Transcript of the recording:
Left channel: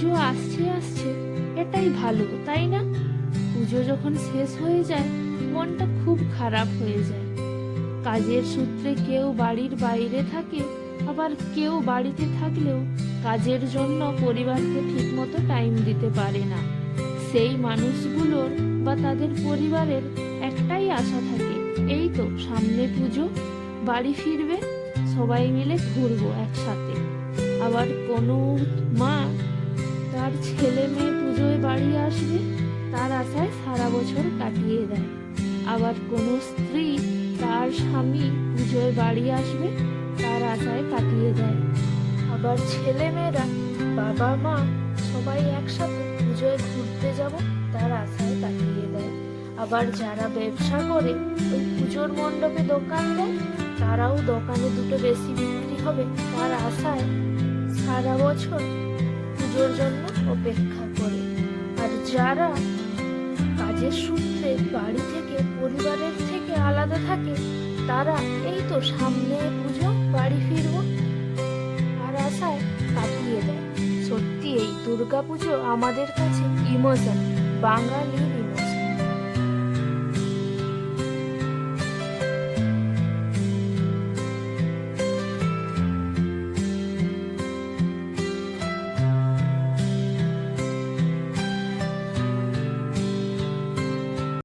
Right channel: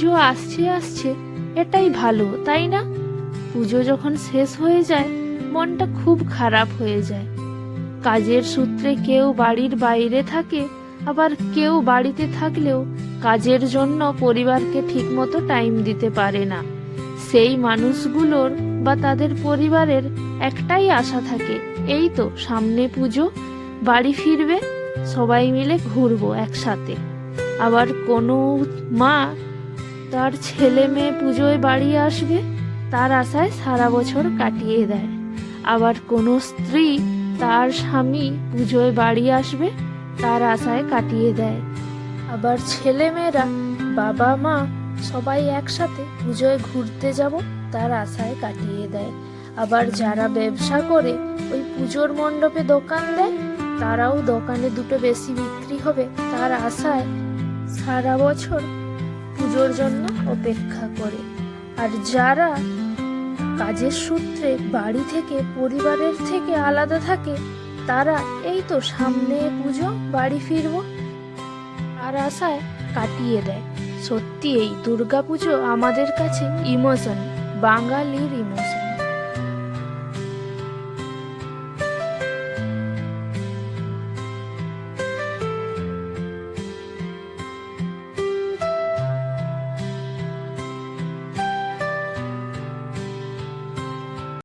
পুজো আসছে আসছে, এটাই ভালো, তাই না? পুজো যখন শেষ হয়ে যায়, মনটা খুব খারাপ হয়ে যায়। কাজের সূত্রে কেউ বাড়ির বাইরে থাকে, আবার কেউ বাড়িতে থাকলেও কাজের জন্য পরিবারকে ঠিকমতো টাইম দিতে পারে না। সেই মানুষগুলোর বা তাদের পরিবারের একটাই আশা থাকে, এই তো সামনে পুজো, বাড়ি ফিরবে, সবাই মিলে ঘুরবো একসাথে। আবার কোনো মা তার ছেলে মেয়ে পুজোয় বাড়ি আসবে, তার আশায় সারা বছর কাটিয়ে দেয়। আবার কোনো স্ত্রী তার স্বামী পুজোয় বাড়ি আসবে, তার আশায় কাটিয়ে দেয়। আবার ছেলে মেয়েরা, বাবা, মা সবাই একসাথে পুজোয় ঘুরতে যাব, তার আশায় কাটিয়ে দেয়। আবার যারা ব্যবসা করে, ওই পুজোর মণ্ডপে দোকান দেয়, তারাও দোকানে দুটো বেশি বিক্রি হবে, তার আশায় সারা বছর পুজোর জন্য অপেক্ষা করে। আর যারা কাজের সূত্রে বাড়ি থেকে পরিবারের থেকে আলাদা থাকে, তারা এই তো সামনে পুজো, বাড়ি ফিরব আর আশায় কাটিয়ে দেয়। সত্যি এই দুর্গাপুজো আমাদের কাছে ইমোশন, বাঙালির ইমোশন।